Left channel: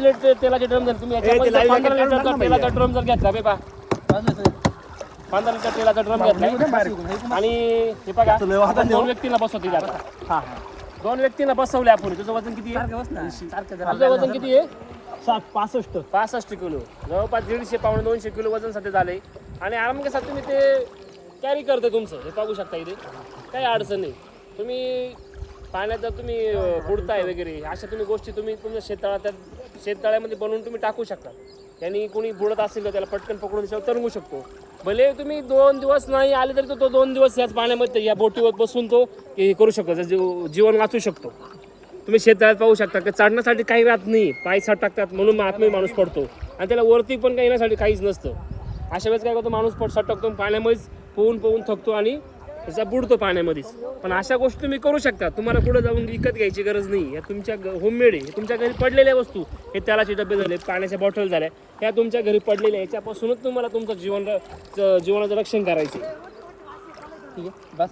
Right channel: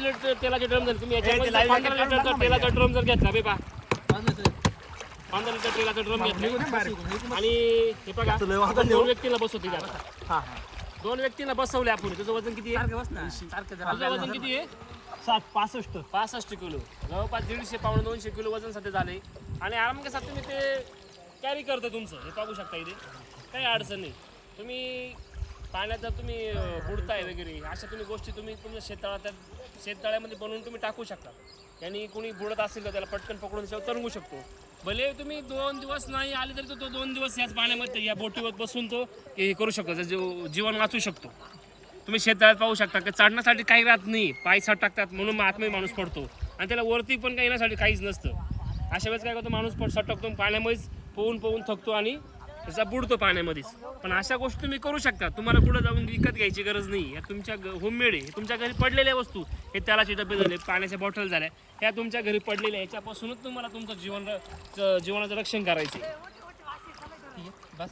तेलाचे ड्रम जर तुम्ही याच्यामध्ये 15 लिटरचा तेलाचा ड्रम जर घेतला बे पा 15 लिटर तेलाचा ड्रम घेतला आणि हे बघा आपण 2 व्यक्तीला बसवते आता 2 व्यक्तीला बसवले आपण तुझं वजन किती आहे तुझं वजन किती आहे 65 किलो जवळपास 150 पावणे 200 किलो वजन सध्या झालंय आणि आरामकेसात तुम्ही ते कॅरी करता तुमचं हे पाहू शकता इथे काही अडचण नाही तुम्ही पाण्यात जर तुम्ही बुडताय वगैरे अशा तुम्ही गोष्टी तुम्ही तुमच्या शेततळ्यामध्ये बनवून तुम्ही टाकू शकता यांनी कोणी बुडत असेल तर त्याला पटकन पकडून त्याच्यावर तरंगू शकतो भले तुम्ही 2 दिवस नाही आले तरी तो 2 दिवस याच पाण्यामध्ये या बोटीवर बसून तो हे करू शकतो जीवन वाचू शकतो तुम्ही शेततळ्यात पाहू शकता की चढण्यासाठी काही राहत नाही पाय साठ टाकतात म्हणून आतमध्ये माणूस पडतो आणि त्याला वरती पण काही येण्यासाठी काहीच नसतं अशा वेळेस काय करतो माणूस टाकतो पाण्यामध्येच पोहून थकतो आणि त्याचा बुडतो पाण्यामध्येच पण अशा गोष्टी तुम्ही करू शकता तुम्हाला पुढे जाऊन विकत घ्यायची गरज नाही या तुमच्या होममेड आहे तुमच्या घरी पडलेल्या वस्तू हे तेलाचे डबे झाले पाण्याच्या बॉटल झाल्या ह्या तुमच्या घरी पडलेल्या याच्यापासूनच तुम्हाला तुमचं जीवनाचं रक्षण करायचं ठीक आहे बस